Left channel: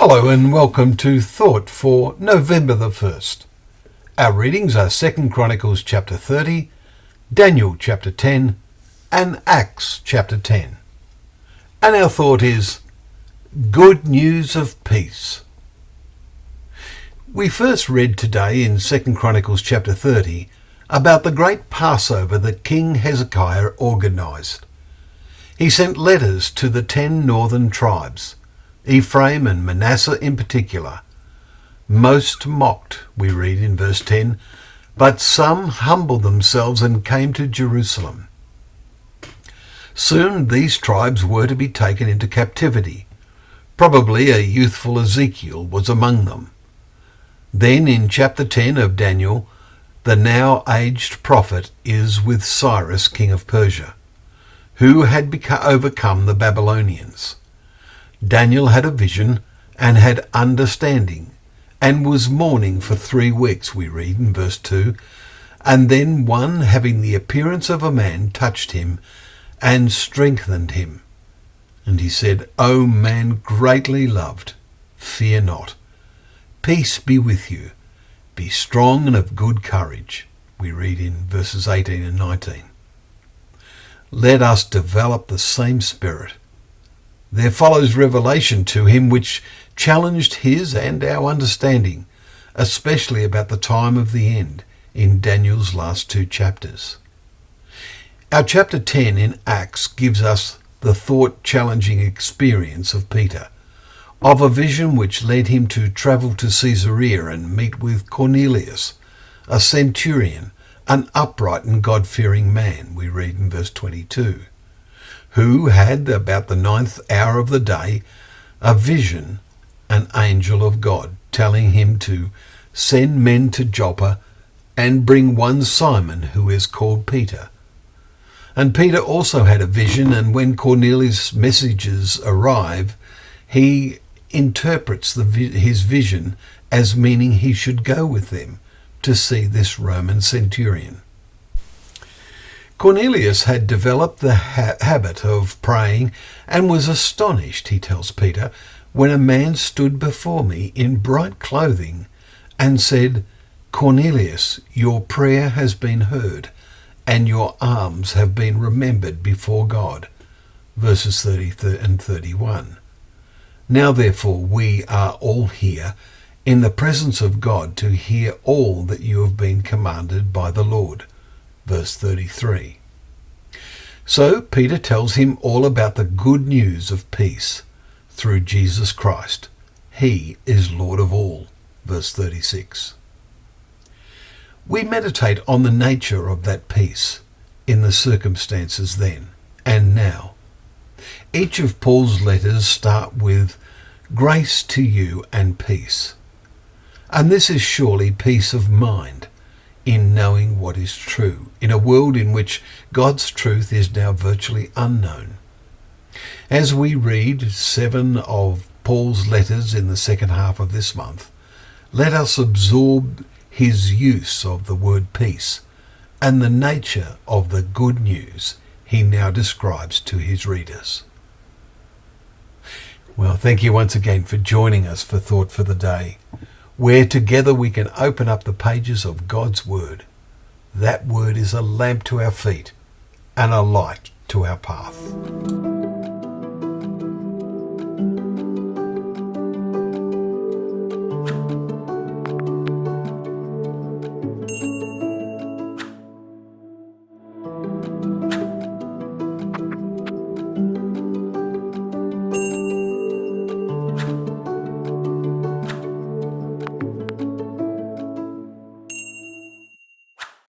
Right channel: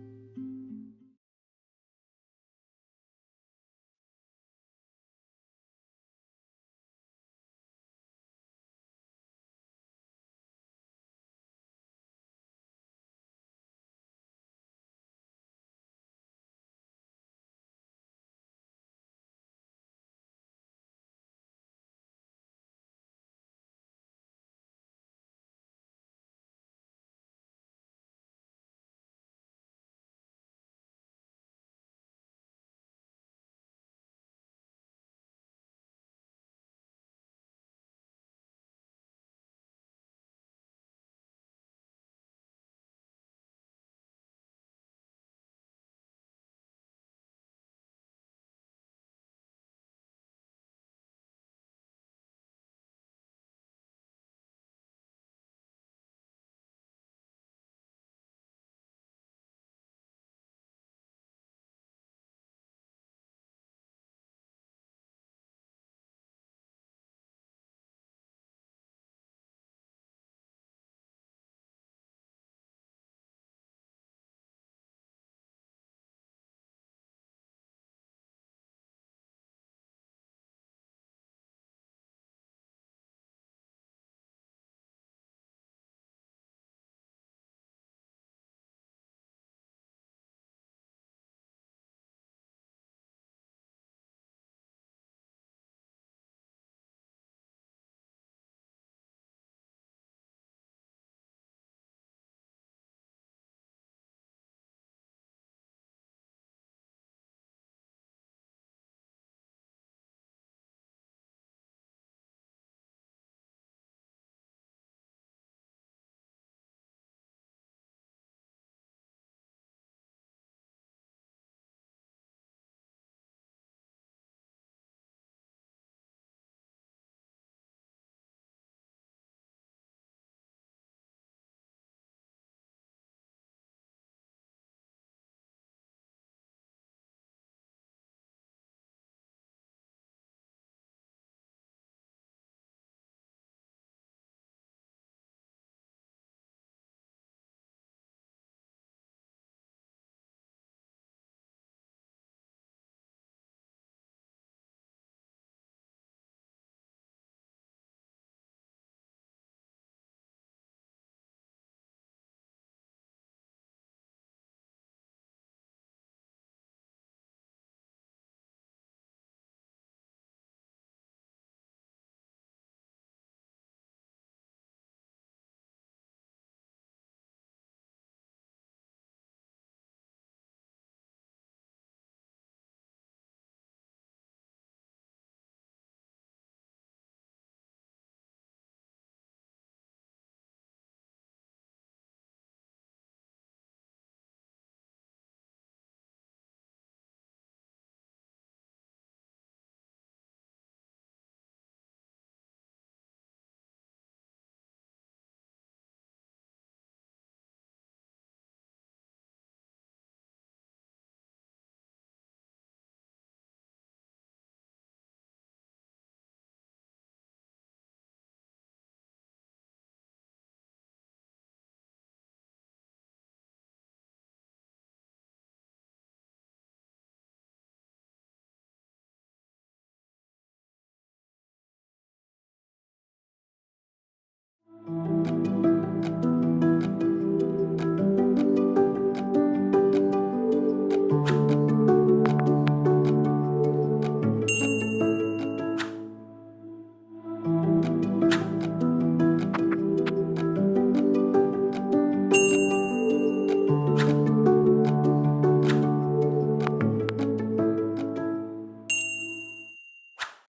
Hello and welcome to Thought for November the 1st. Our readings are 2 Chronicles chapter 30, Daniel chapter 10 and Acts chapter 10. And our thought is, good news of peace. We first read today in 2 Chronicles chapter 30 about the great Passover that King Hezekiah organised. He sent letters to the 10 northern tribes, Ephraim and Manasseh in particular. Most mocked, we read in verse 10, but some humbled themselves and came to Jerusalem. Soon these tribes were to be taken into captivity. Probably a youthful Ezekiel was among them. Then in chapter 10 of Daniel, the now aged prophet is with Cyrus, king of Persia, who had overcome the Babylonians. Daniel had a vision and had understanding, and was mourning for 3 weeks, we read in verse 2. And then one, having the appearance of a man, touched him and strengthened him. And he said, O man greatly loved, fear not. Peace be with you. Be strong and of good courage, we read in verses 18 and 19. Let us develop the same spirit. There follows revelation to him which challenged his and our understanding, especially about the time of the end in Daniel's last 2 chapters. Our chapter 10 in Acts gives us the thought-challenging experience of Peter, of a vision which led him to travel to Caesarea and meet with Cornelius, a centurion, an upright and God-fearing man, we read in verse 22. Who had, about the 9th hour of the day, a vision, an angel of God, telling him to send men to Joppa and bring one Simon, who is called Peter. And Peter also had a vision, and when Cornelius' messages arrive, he interprets his vision as meaning he should go with them to see this Roman centurion. Cornelius had developed the habit of praying and was astonished, he tells Peter, when a man stood before me in bright clothing and said, Cornelius, your prayer has been heard and your alms have been remembered before God. Verses 30 and 31. Now therefore we are all here in the presence of God to hear all that you have been commanded by the Lord. Verse 33. So Peter tells him all about the good news of peace through Jesus Christ. He is Lord of all. Verse 36. We meditate on the nature of that peace in the circumstances then and now. Each of Paul's letters start with grace to you and peace. And this is surely peace of mind in knowing what is true, in a world in which God's truth is now virtually unknown. As we read 7 of Paul's letters in the second half of this month, let us absorb his use of the word peace and the nature of the good news he now describes to his readers. Well, thank you once again for joining us for Thought for the Day, where together we can open up the pages of God's Word. That Word is a lamp to our feet and a light to our path.